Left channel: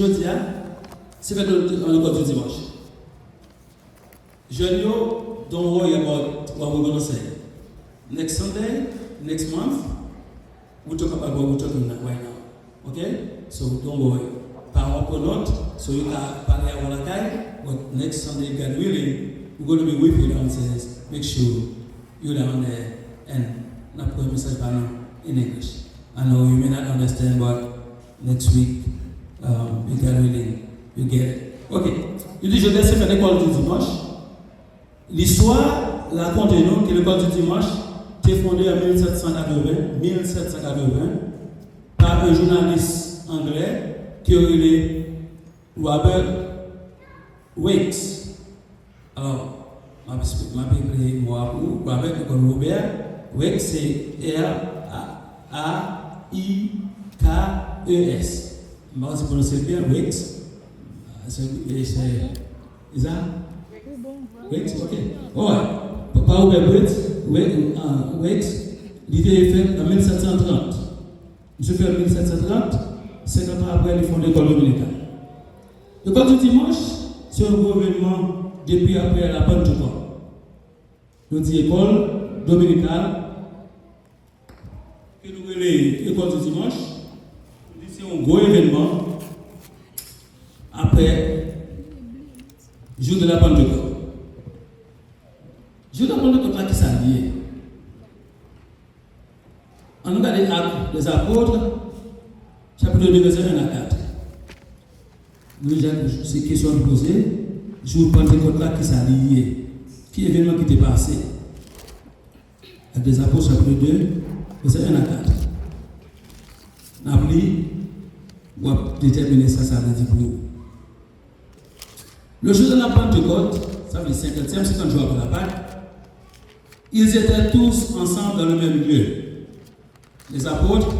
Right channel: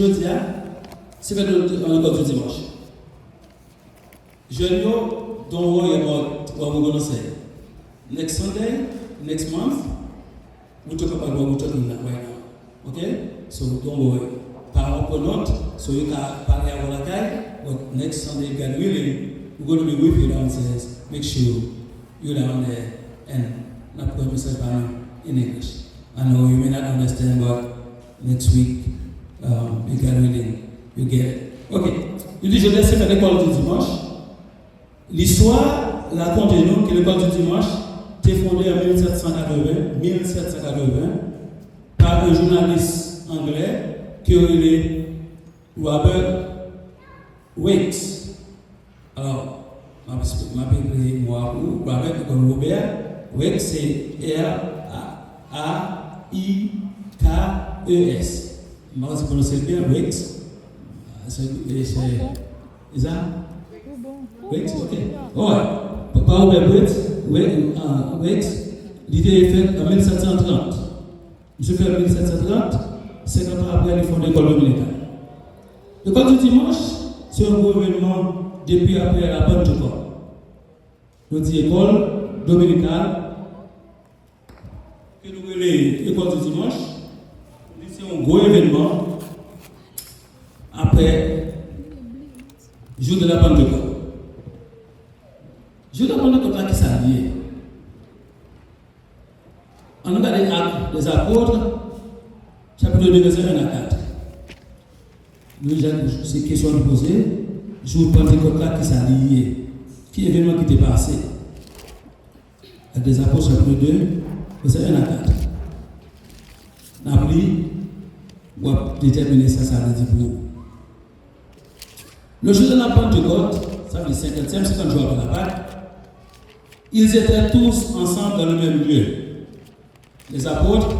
Jeudi, c'est fait l'école du dimanche. Jeudi, don't worry about what we're going to say. Next Sunday, next month, we'll talk about what we're talking about right now. Okay? So don't worry. Par or not, so you can parler à la caille, but next Sunday, God willing, we're going to be with you downstairs. Make sure you're down there and not put yourself in English. I know you may not understand, but next week, you God willing, you get it. Ok. Je dis, je laisse faire l'école du dimanche. L'histoire raconte-nous que l'école du dimanche était fondée en 1780 par un journaliste anglais qui est Robert Wakes. Alors, ma Robert comme Robert Wakes, c'est R-A-I-K-E-S. Je ne sais pas si vous prononcez bien, Wakes. C'est ça? Wakes, ok. Ouais. Papa Robert Wakes, l'idée est faite en 1730. Je fais en 1730, 50 ans après, ils font l'école dominicale. L'école du dimanche, c'est un gouvernement depuis après la Pentecôte. Nous disons école dominicale, que nous appelons l'école du dimanche. C'est un gros événement après le jour de la Pentecôte. Le jour de la Pentecôte, qui s'est lié. On regarde les actes des apôtres, chapitre 2, verset 1 à 4. Nous avons ces questions à poser. Le jour de Pentecôte, qui s'est lié. Qui événement qui était passé? Avec des apôtres, chapitre 2, verset 1 à 4. N'oublie pour déterminer ça veut dire pour vous. Le jour de la Pentecôte, ça veut dire 50 jours après la Pâque, ils étaient tous ensemble dans le même lieu. Les apôtres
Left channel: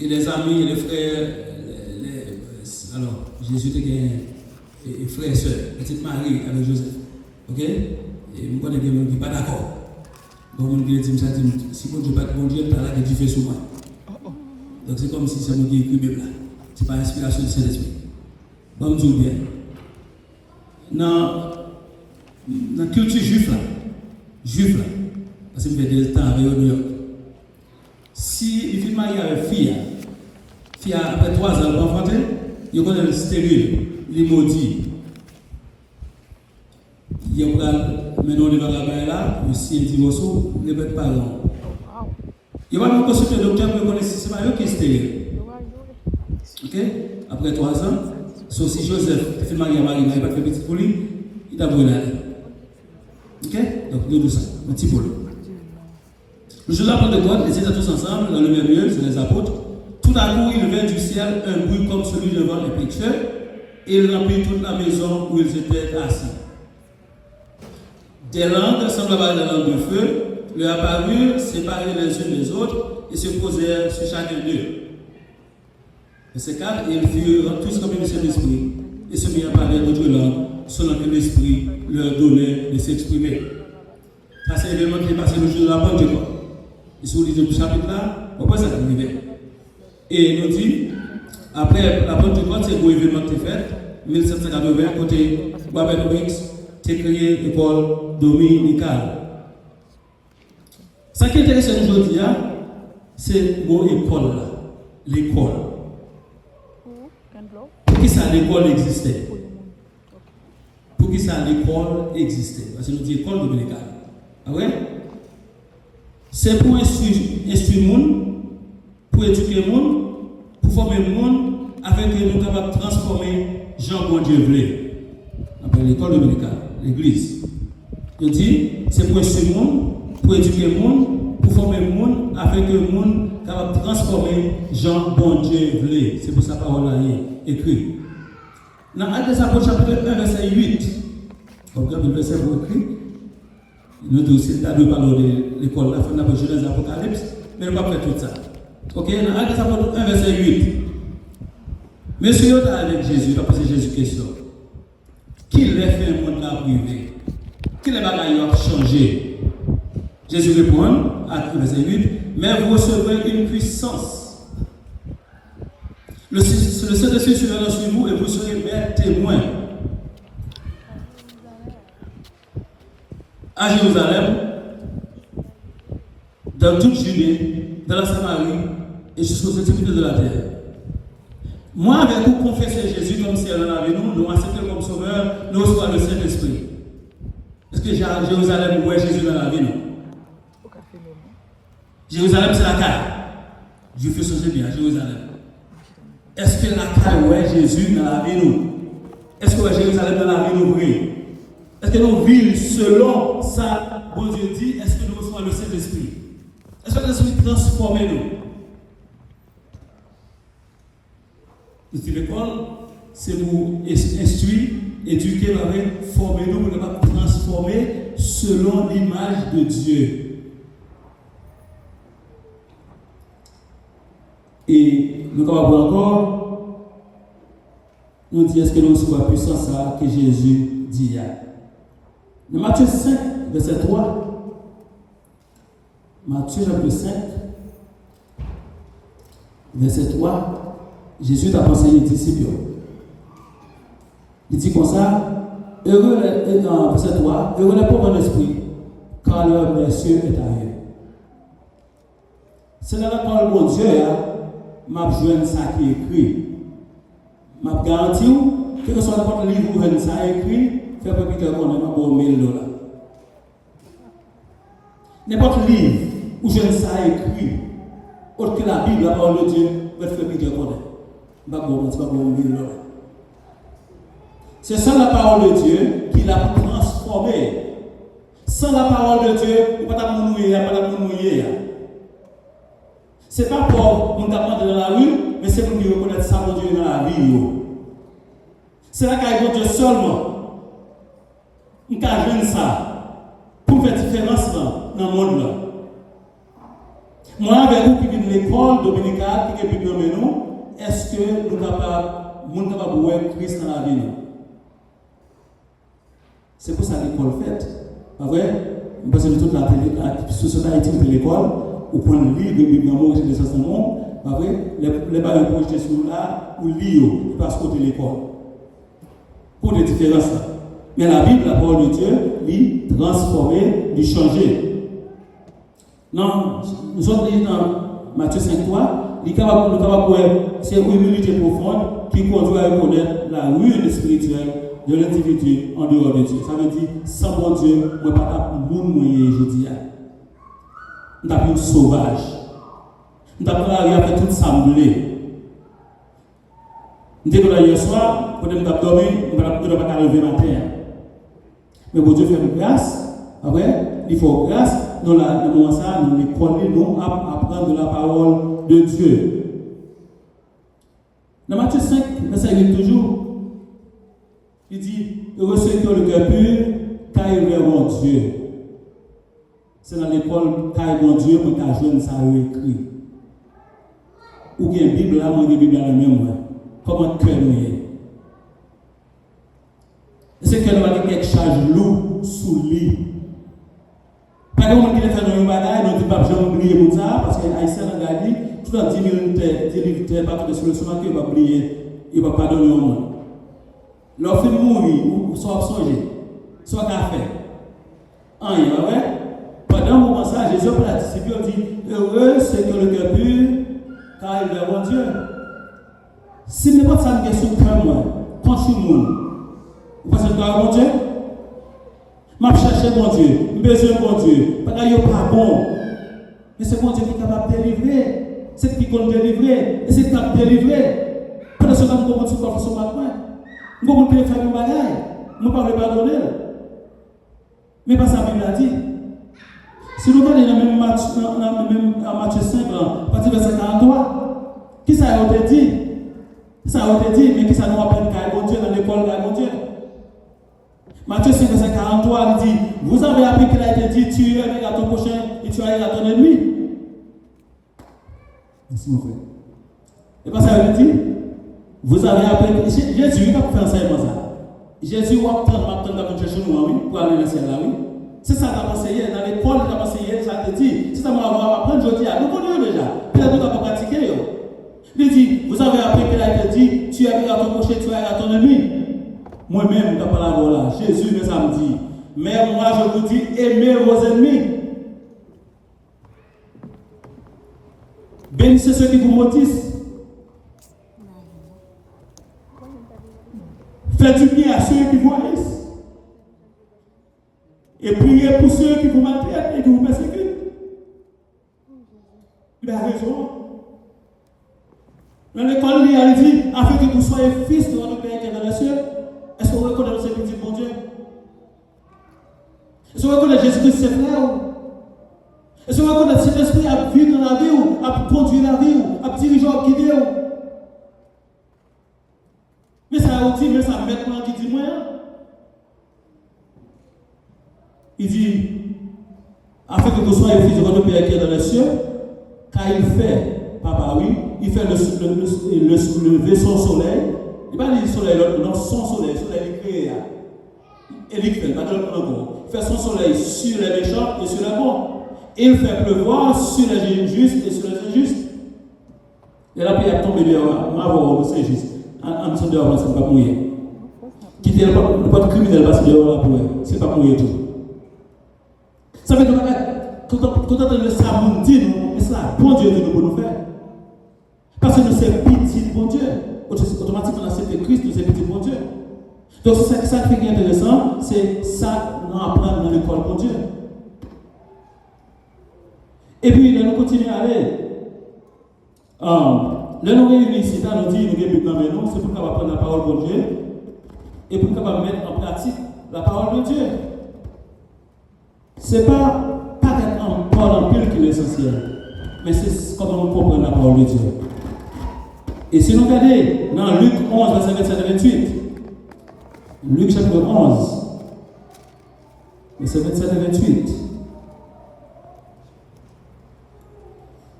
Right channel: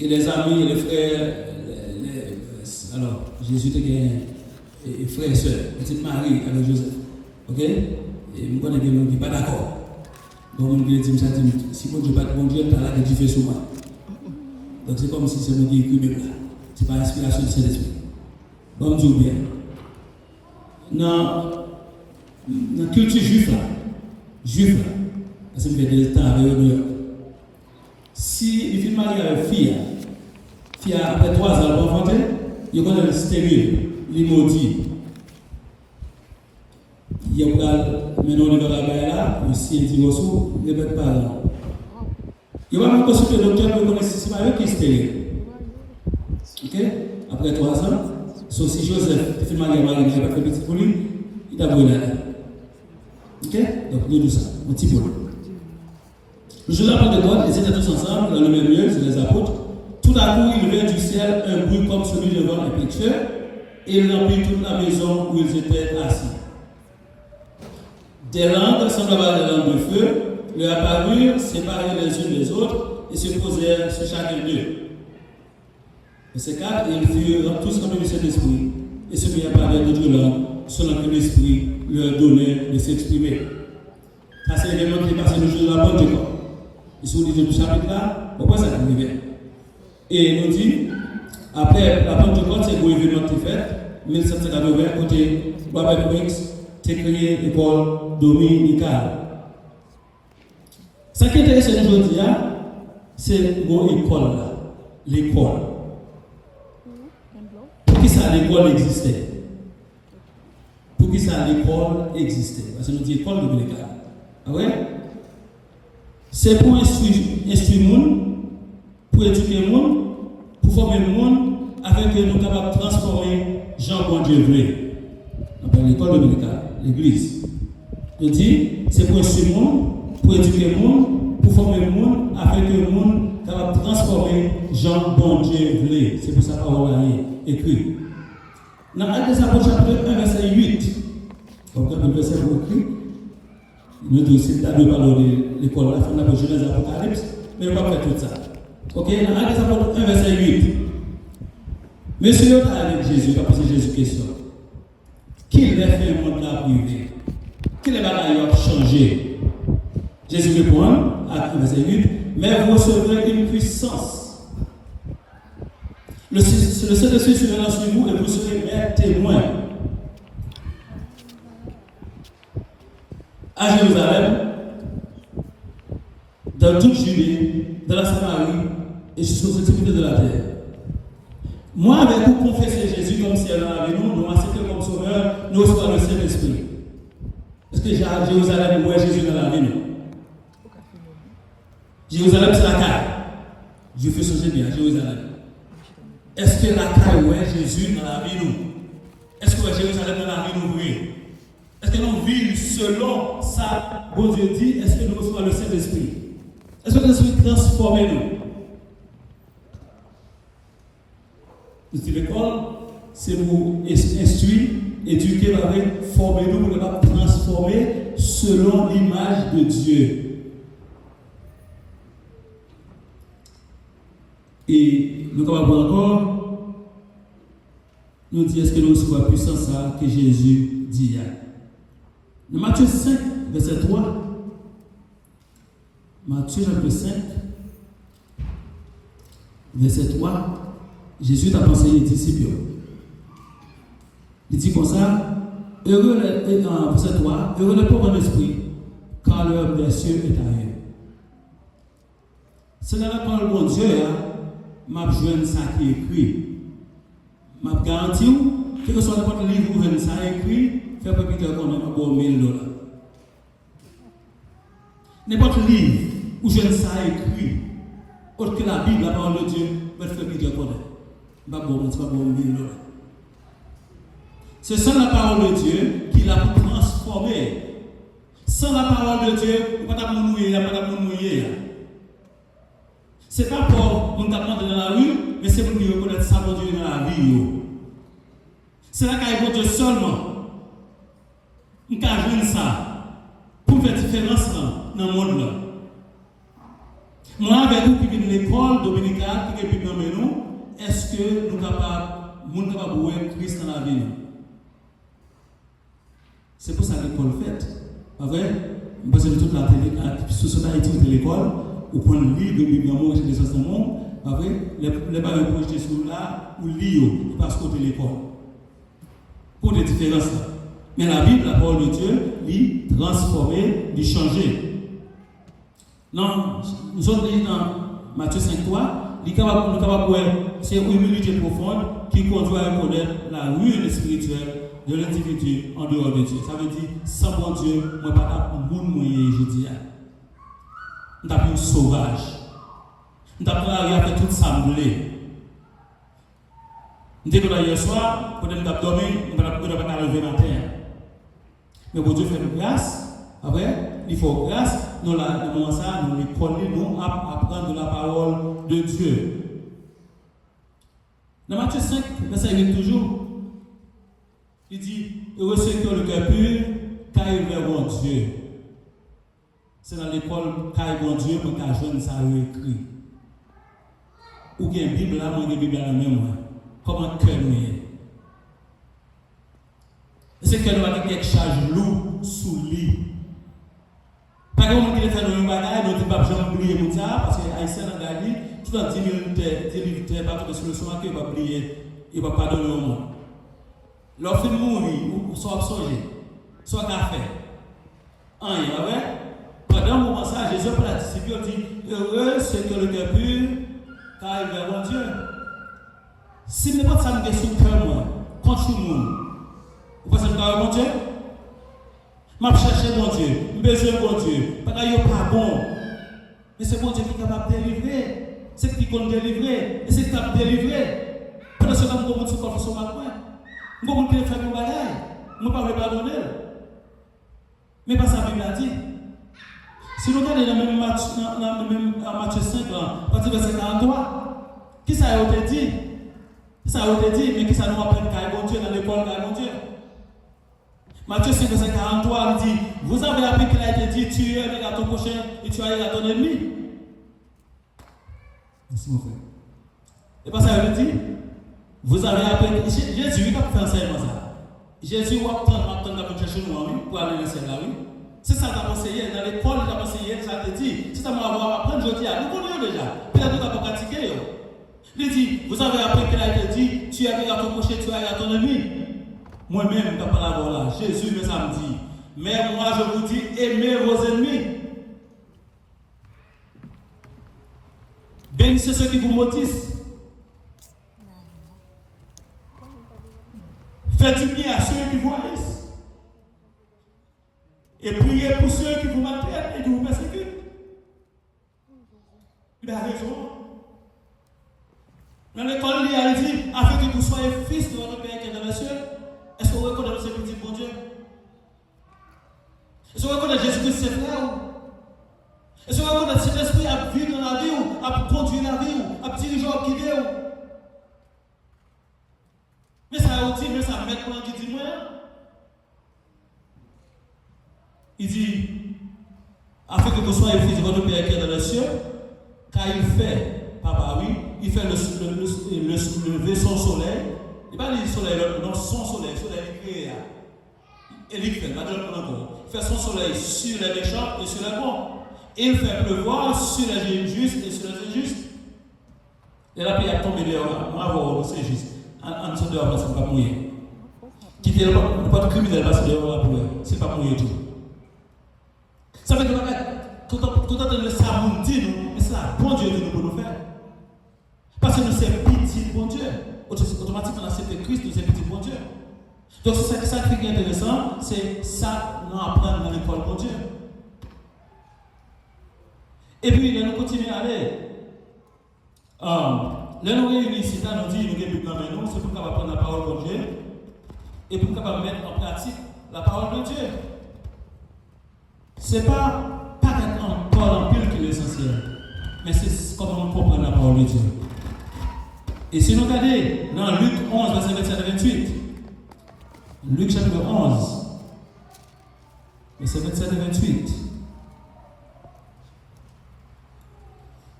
et les amis et les frères, alors Jésus était et frères et sœurs, petite Marie avec Joseph. Ok? Et nous connaissons bien, on ne dit pas d'accord. Donc on dit, si bon Dieu pas de bon Dieu, tu as là que tu fais sur moi. Donc c'est comme si c'est nous qui écrivons là. Ce n'est pas l'inspiration du Saint-Esprit. Bon, je dis bien. Dans la culture juive, parce que ça fait des temps avec New York, si il fait marier avec fille après 3 ans pour enfanter, il connaît le stérile, il maudit. Il y a maintenant le bagage là, si il dit aussi, il ne va pas là. Il va nous consulter le docteur pour connaître si c'est pas eux qui est stérile. Ok? Après 3 ans, sauf si Joseph fait marier Marie, il n'a pas fait petit pour lui, il a brûlé. Ok? Donc, il y a tout ça, un petit peu. Le jour de la Pentecôte, ils étaient tous ensemble dans le même lieu, c'est les apôtres. Tout à coup, il vint du ciel un bruit comme celui de vent impétueux, et il remplit toute la maison où ils étaient assis. Des langues semblables à des langues de feu leur apparurent, séparées les unes des autres, et se posèrent sur chacun d'eux. Verset 4, et ils furent tous remplis du Saint-Esprit, et se mirent à parler d'autres langues, selon que l'Esprit leur donnait de s'exprimer. Ça, c'est l'événement qui est passé le jour de la Pentecôte. Et si vous lisez le chapitre là, on voit ça qui arrivait. Et il nous dit, après la Pentecôte, c'est un gros événement qui est fait, 1780, côté Robert Wakes, c'est créé l'école dominicale. Ce qui est intéressant aujourd'hui, c'est l'école là. L'école. Pour qui ça l'école existait? Pour qui ça l'école existait? Parce que nous disons école dominicale. Ah ouais? C'est pour instruire le monde, pour éduquer le monde, pour former le monde, afin que nous soyons capables de transformer Jean bon Dieu voulait. Après l'école dominicale, l'église. Je dis, c'est pour instruire le monde, pour éduquer le monde, pour former le monde, afin que le monde soit capable de transformer Jean bon Dieu voulait. C'est pour ça que la parole est écrite. Dans Actes des Apôtres, chapitre 1, verset 8, donc le verset écrit, nous devons aussi parler de l'école, la fin de la Genèse Apocalypse, mais on va faire tout ça. Ok, dans Actes des Apôtres 1, verset 8. Monsieur, avec Jésus, pas poser Jésus question. Qui l'a fait le monde là privé? Qui les bagailles ont changé? Jésus répond, Actes verset 8, mais vous recevrez une puissance Le Saint-Esprit sera sur vous et vous serez mes témoins. À Jérusalem, dans toute Judée, dans la Samarie et jusqu'aux extrémités de la terre. Moi, avec vous, confesser Jésus comme si elle en avait nous acceptons comme sauveur, nous recevons le Saint-Esprit. Est-ce que Jérusalem, où est Jésus dans la vie, non? Jérusalem, c'est la caille. Dieu fait changer bien, Jérusalem. Est-ce que la caille, où est Jésus dans la vie, nous? Est-ce que Jérusalem dans la vie, nous, oui? Est-ce que nous vivons selon ça, bon Dieu dit, est-ce que nous recevons le Saint-Esprit? Est-ce que le Saint-Esprit transforme nous? L'école, c'est pour instruire, éduquer, former nous, pour transformer selon l'image de Dieu. Et nous allons voir encore, nous disons est-ce que nous sommes puissants ça que Jésus dit. Dans Matthieu 5, verset 3, Matthieu chapitre 5, verset 3, Jésus a conseillé les disciples. Il dit comme ça, heureux verset 3, heureux les pauvres en esprit, car leur berceau est ailleurs. C'est dans la parole de mon Dieu, m'a besoin ça qui est écrit. M'a garanti que ce soit n'importe quel livre où ça écrit, fait pas que qu'on a pour $1000. N'importe livre où je ça écrit, autre que la Bible, la parole de Dieu, va faire que qu'on a. Pas pour $1000. C'est sans la parole de Dieu qu'il a transformé. Sans la parole de Dieu, il ne peut pas mourir. Ce n'est pas pour nous apprendre dans la rue, mais c'est pour nous reconnaître ça pour Dieu dans la vie. C'est là qu'il y a Dieu seulement. Nous avons ça pour faire différence dans le monde. Moi, avec vous qui vient de l'école dominicale, qui est plus de nous, est-ce que nous sommes capables de voir Christ dans la vie? C'est pour ça que l'école fait. Pas vrai? Parce que toute la société de l'école, ou pour le livre de Bible dans le Testament, pas vrai? Les parents projetés sur là, ou lire, parce que de l'école. Pour des différences. Mais la Bible, la parole de Dieu, lui transformer, lui changer. Non, nous sommes dans Matthieu 5.3, il est capable de voir c'est une humilité profonde qui conduit à reconnaître la ruine spirituelle de l'individu en dehors de Dieu. Ça veut dire, sans mon Dieu, je ne peux pas mourir, je dis. Nous avons une sauvage. Nous avons fait tout semblé. Nous avons hier soir, quand nous avons dormi, nous n'avons pas lever matin. Mais pour Dieu faire grâce, après, il faut grâce, nous avons ça, nous nous apprendre la parole de Dieu. Dans Matthieu 5, verset 8 toujours, il dit, heureux ceux qui ont le cœur pur, car ils verront Dieu. C'est dans l'école, car ils verront Dieu, pour qu'un jeune ça écrit. Ou qu'il y a une Bible là, moi, une Bible dans le même, comment cœur nous est. C'est que nous avons quelque charge lourde sous lui. Par exemple, qui est dans une bagaille, nous ne pouvons pas oublier pour ça, parce que Haïtien a gagné, tout dans 10 000 terres, partout sur le soir, il va oublier, il ne va pas donner le monde. Leur film mourir, ou soit songer, soit café. Rien, vrai? Pendant un moment, ça, Jésus pour la discipline dit heureux ceux qui ont le cœur pur, car ils verront Dieu. Si n'est pas ça, une question de cœur, moi, quand je suis mort, vous pensez que mon Dieu? Je cherche mon Dieu, je besoin mon Dieu, parce qu'il n'est pas bon. Mais c'est mon Dieu qui est capable de délivrer, c'est qui compte délivrer, et c'est capable de délivrer. Pendant ce temps, nous avons dit qu'on fait ce matin. Nous avons fait une bagaille, nous ne pouvons pas pardonner. Mais pas ça, la Bible a dit. Si nous regardons dans Matthieu 5, partie verset 43, qui ça a été dit? Ça a été dit, mais qui ça nous rappelle qu'à Dieu dans l'école de Dieu? Matthieu 5, verset 43, il dit, vous avez appris qu'il a été dit, tu es à ton prochain et tu es à ton ennemi. S'il vous plaît. Et pas ça, il dit, vous avez appris, Jésus, il a fait ça comme ça. Jésus va attendre de chercher nous, pour aller dans le ciel, oui. C'est ça qu'on a enseigné, dans l'école, on a enseigné, ça te dit, c'est ça qu'on va apprendre aujourd'hui, nous connaissons déjà, peut-être nous avons pratiqué. Il dit, vous avez appris qu'il a été dit, tu aimeras ton prochain, tu aimeras ton ami. Moi-même, je ne parle pas là. Jésus me samedi. Mais moi, je vous dis, aimez vos ennemis. Bénissez ceux qui vous maudissent. Faites du bien à ceux qui vous haïssent. Et priez pour ceux qui vous maltraitent et qui vous persécutent. Il a raison. Dans l'école, il a dit, afin que vous soyez fils de votre Père qui est dans les cieux. Est-ce que vous reconnaissez ce petit bon Dieu? Est-ce que vous reconnaissez Jésus-Christ, c'est frère? Est-ce que vous reconnaissez cet esprit à vivre dans la vie ou à conduire la vie ou à diriger ou guider? Mais ça a dit, mais ça maintenant qui dit moi. Il dit, afin que vous soyez fils de votre Père qui est dans les cieux, car il fait, papa oui, il fait le vaisseau soleil. Il ne va pas dire soleil, non, son soleil, soleil il crée. Et il fait, pas de il fait son soleil sur les méchants et sur les bons. Il fait pleuvoir sur les justes et sur les injustes. Et la pierre tombe dehors, moi, c'est juste. En dessous dehors, c'est pas mouillé. Quitter le pas de criminel parce que dehors, c'est pas mouillé tout. Ça veut dire que quand on entend ça, on dit, mais ça, bon Dieu dit nous pour nous faire. Parce que nous sommes petits, bon Dieu. Automatiquement, on accepte Christ, nous sommes petits, bon Dieu. Donc, c'est ça qui est intéressant, c'est ça nous apprendre dans l'école, bon Dieu. Et puis, nous continuons à aller. Là, nous réunissons ici, nous disons, nous débutons dans nous, c'est pour qu'on va prendre la parole de Dieu et pour qu'on va mettre en pratique la parole de Dieu. Ce n'est pas être en parole en pile qui est essentiel, mais c'est comment on comprend la parole de Dieu. Et si nous regardons dans Luc 11, verset 27 à 28, Luc chapitre 11, verset 27 à 28,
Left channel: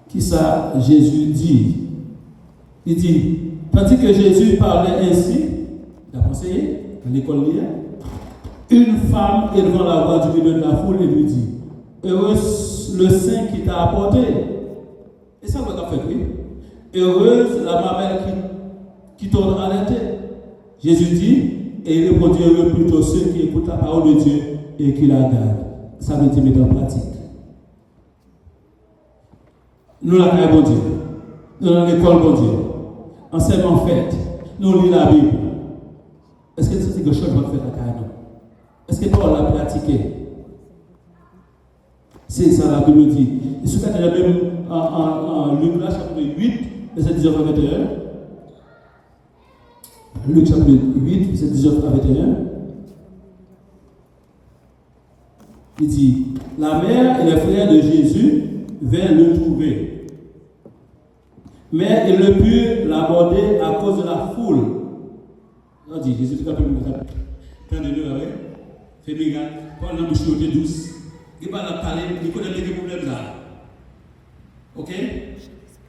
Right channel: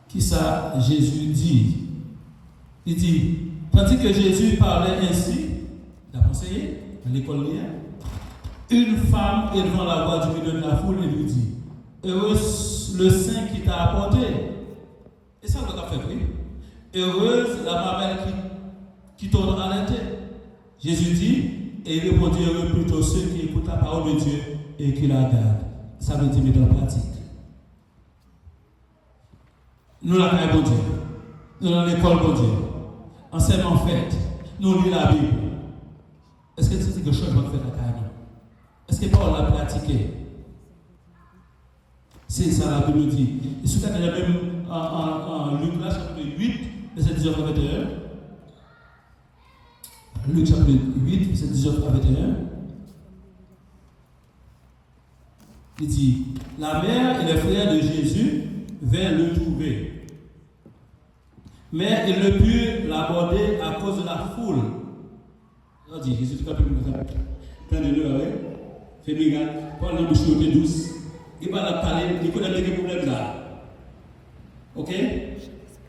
qui ça Jésus dit? Il dit, tandis que Jésus parlait ainsi, il a conseillé dans l'école hier, une femme est devant la voix du milieu de la foule et lui dit, heureuse le sein qui t'a apporté. Et ça, vous avez fait, oui. Heureuse la mamelle qui tourne à la tête. Jésus dit, et il répondit, heureux plutôt ceux qui écoutent la parole de Dieu et qui la gardent. Ça veut dire mettre en pratique. Nous la bon Dieu. Nous dans l'école bon Dieu. Enseignement fait. Nous lisons la Bible. Est-ce que c'est quelque chose qu'on fait à carrément? Est-ce que Paul l'a pratiqué? C'est ça la Bible dit. Et ce qu'il y a même en Luc chapitre 8, verset 19 à 21. Luc chapitre 8, verset 19 à 21. Il dit, la mère et les frères de Jésus vinrent le trouver. Mais ils ne purent l'aborder à cause de la foule. On dit, Jésus, tu as pu me faire. Prenez-le, oui. Fais bien, parle dans la bouche douce. Il va la parler, il connaît des problèmes là. Ok?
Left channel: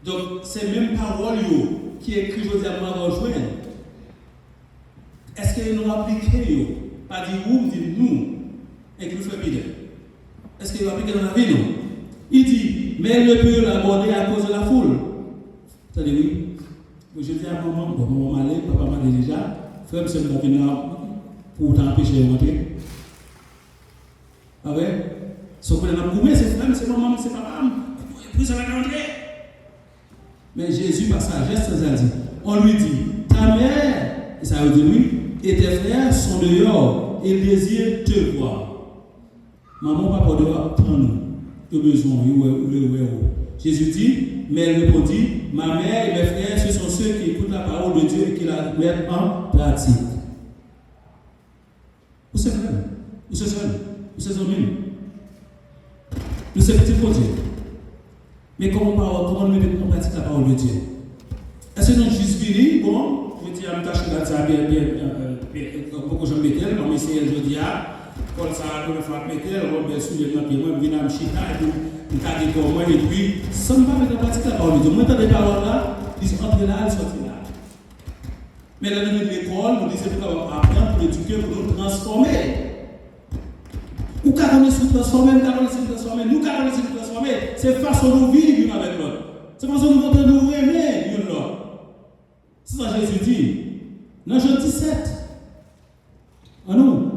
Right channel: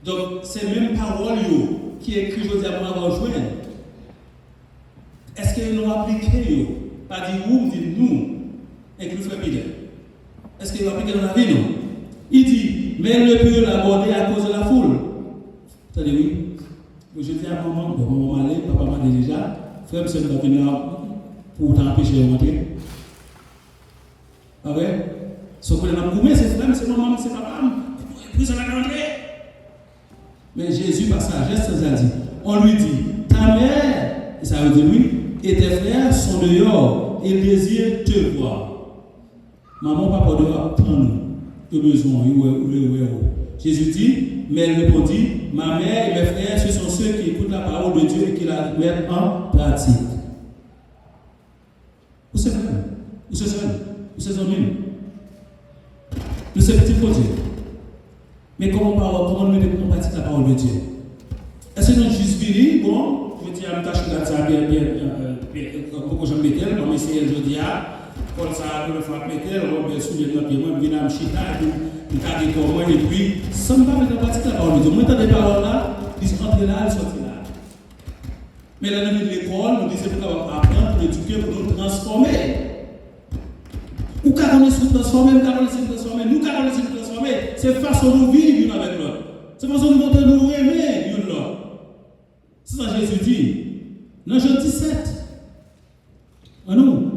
Donc, c'est même parole qui est écrit aujourd'hui à moi rejoindre. Est-ce qu'ils l'ont appliqué? Pas dit vous, dit nous, et que nous faisons bien. Est-ce qu'il va appliquer dans la vie, non? Il dit, mais il ne peut l'aborder à cause de la foule. Attendez, oui. Je dis à maman, bon, maman allait, papa m'a dit déjà, frère, monsieur, va venir pour t'empêcher de rentrer. Ah ouais? Ce qu'on a prouvé, c'est frère, c'est maman, c'est papa. Puis ça va rentrer. Mais Jésus, par sagesse, ça dit, on lui dit, ta mère, et ça veut dire oui, et tes frères sont dehors, et désirent te voir. Maman, papa doit prendre le besoin, Jésus dit, mais elle répondit, ma mère et mes frères, ce sont ceux qui écoutent la parole de Dieu et qui la mettent en pratique. Où c'est vrai? Où c'est seul? Où c'est seul? Nous sommes petits pour Dieu. Mais comment nous mettons en pratique la parole de Dieu? Est-ce que nous juste venir, bon, je dis à me tâcher là, ça bien, pourquoi je me mets tel, on essaye de dire, pour ça, pour le faire mettre, on va soulever notre pied, moi, je viens à me chita, et puis, je vais pour moi, et puis, sans me mettre en pratique la parole de Dieu. Moi, dans les paroles là, ils sont entrés là, ils sont sortis là. Mais là, dans l'école, nous disons pour apprendre, pour éduquer, pour nous transformer. Ou quand on est se transformer, nous quand on est se transformer, nous quand on est se transformer, c'est façon de vivre l'une avec l'autre. C'est façon de nous aimer l'une l'autre. ça Jésus dit. Dans Jean 17, en nous,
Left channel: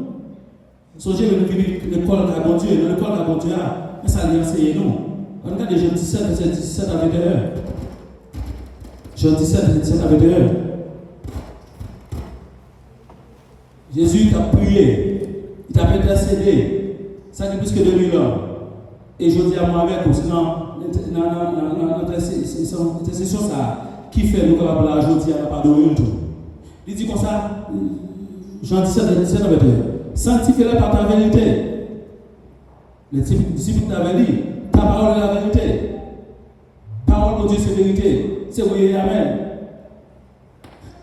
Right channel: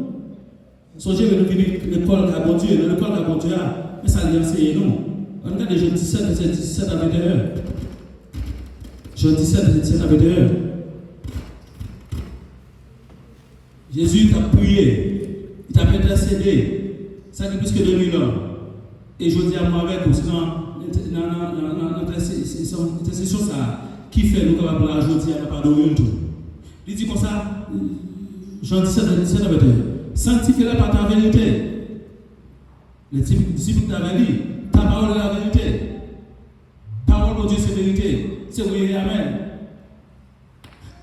songez que nous venons de l'école de bon Dieu, dans l'école de bon Dieu, mais ça lui enseigne nous. On regarde Jean 17, verset 17 à 21. Jean 17, verset 17 à 21. Jésus t'a prié, il t'a intercédé, ça fait plus que 2000 ans. Et je dis à moi avec, parce que dans l'intercession, ça, qui fait nous capables de aujourd'hui à pas de tout. Il dit comme ça, Jean 17, verset 21. Sanctifie-les par ta vérité. Les disciples t'avaient dit, ta parole est la vérité. Parole de Dieu, c'est vérité. C'est oui et amen.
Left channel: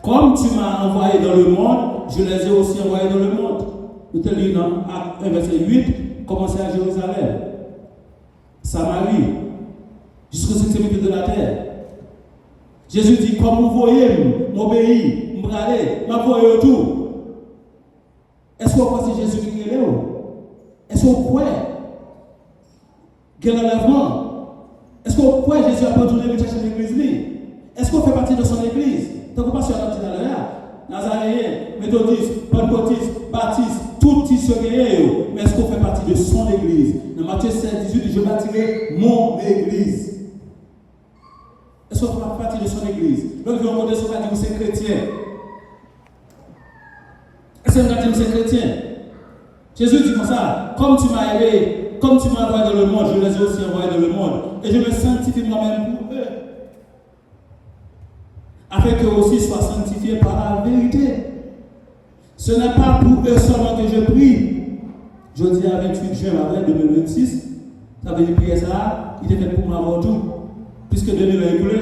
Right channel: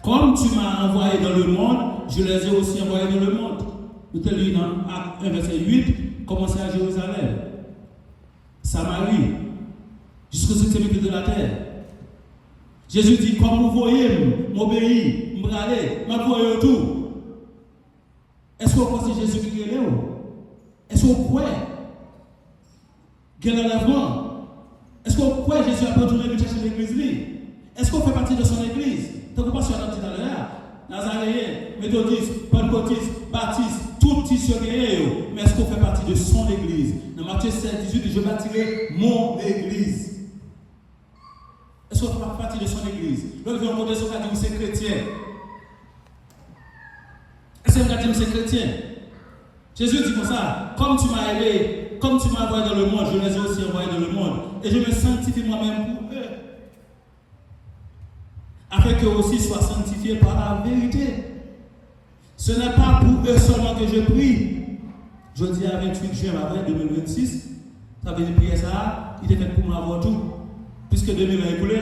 Comme tu m'as envoyé dans le monde, je les ai aussi envoyés dans le monde. Nous te lisons dans Acte 1, verset 8, commencez à Jérusalem, Samarie, jusqu'au 7e de la terre. Jésus dit, comme vous voyez, m'obéis, m'bralez, m'envoyez tout. Est-ce qu'on pense que Jésus qui est là? Est-ce qu'on croit qu'il y a l'enlèvement? Est-ce qu'on croit que Jésus a retourné chercher l'église? Est-ce qu'on fait partie de son église? Tant qu'on passe sur la petite Nazaréen, méthodiste, pentecôtiste, baptiste, tout ce qui est, mais est-ce qu'on fait partie de son église? Dans Matthieu 7, 18, je bâtirai mon église. Est-ce qu'on fait partie de son église? Donc, je vais demander ce qu'on dit, c'est chrétien. Est-ce que c'est chrétien? Jésus dit comme ça, comme tu m'as aidé, comme tu m'as envoyé dans le monde, je les ai aussi envoyés dans le monde. Et je me sanctifie moi-même pour eux. Afin qu'eux aussi soient sanctifiés par la vérité. Ce n'est pas pour eux seulement que je prie. Je dis à 28 juin 2026, ça veut dire prier ça, il est fait pour moi avant tout, puisque 2000 a écoulé.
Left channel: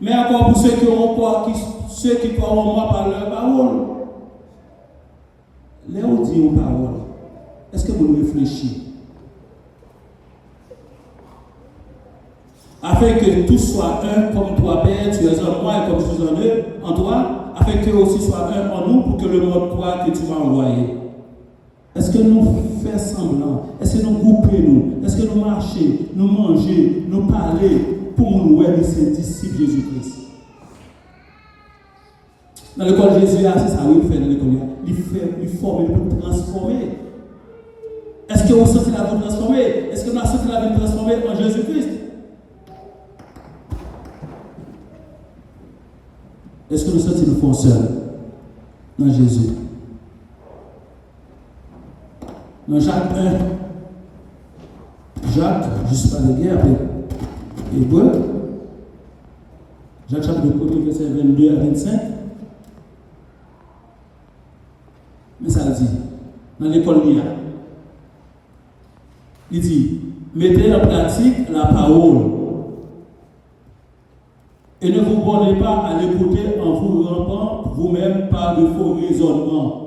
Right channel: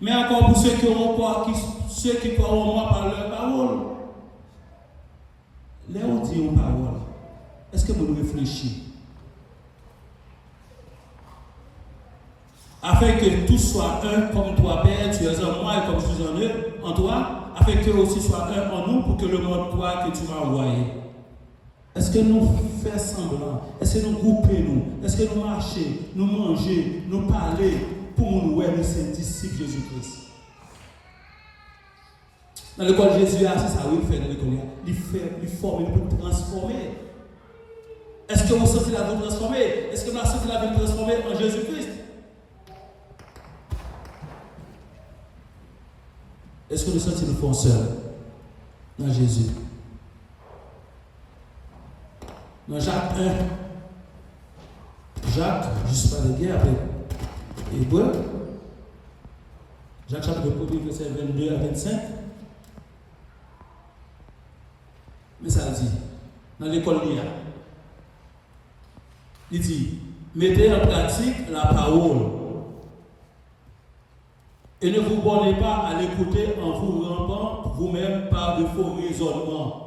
Mais encore pour ceux qui ont croit, ceux qui croient en moi par leur parole. Là on dit une parole. Est-ce que vous réfléchissez? Afin que tous soient un comme toi, Père, tu es en moi et comme je suis en eux, en toi, afin qu'eux aussi soient un en nous pour que le monde croie que tu m'as envoyé. Est-ce que nous faisons semblant? Est-ce que nous groupons nous? Est-ce que nous marchons, nous mangeons, nous parlons pour nous voir ces disciples Jésus-Christ? Dans l'école Jésus, c'est ça qu'il fait dans l'école. Il forme, il transformer. Est-ce que vous sentez la vie transformée? Est-ce que vous sentez la vie transformée en Jésus-Christ? Est-ce que nous sentons nous seuls dans Jésus? Dans Jacques 1, Jacques, juste pas bien après Hébreu, Jacques chapitre 1, verset 22 à 25. Mais ça dit, dans l'école il dit, mettez en pratique la parole et ne vous bornez pas à l'écouter en vous rampant vous-même par de faux raisonnements.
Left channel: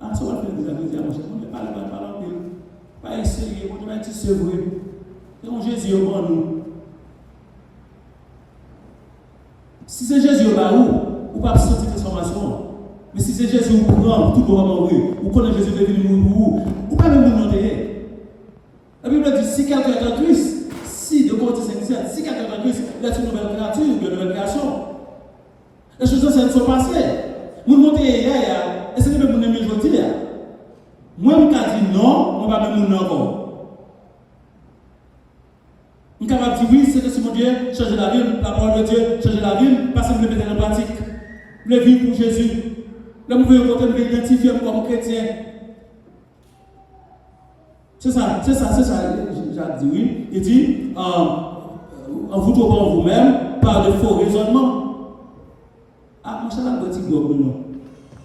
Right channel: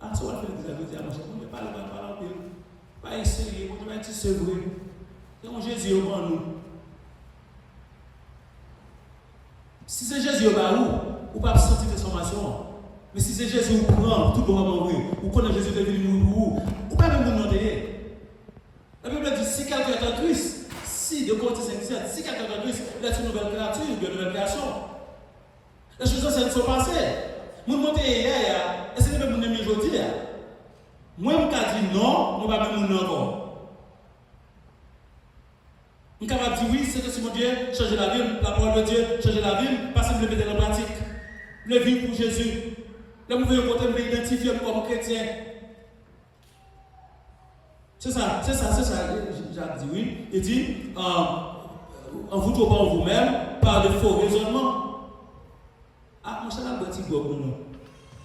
Ah, ça va faire des amis, on ne parle pas en pile. Pas essayer, on va être vrai. C'est Jésus au grand nous. Si c'est Jésus au bas ou pas sentir transformation. Mais si c'est Jésus au prend, tout doit mourir. Ou connaît Jésus devenu mourir, ou pas même nous demander. La Bible dit si quelqu'un est en Christ, si, de Corinthiens 5, si quelqu'un est en Christ, il est une nouvelle créature, une nouvelle création. Les choses anciennes sont passées. Nous montons hier, et c'est même mon ami aujourd'hui. Moi, je me dis non, on va même mon encore. Je suis capable de dire oui, c'est que si mon Dieu change la vie, la parole de Dieu change la vie, parce que je le mettre en pratique. Je le vivre pour Jésus. Là, vous pouvez m'identifier comme chrétien. C'est ça, Jacques dit oui. Il dit, en vous trouvant vous-même par de faux raisonnements. Ah, mon cher, là, un petit bois pour nous.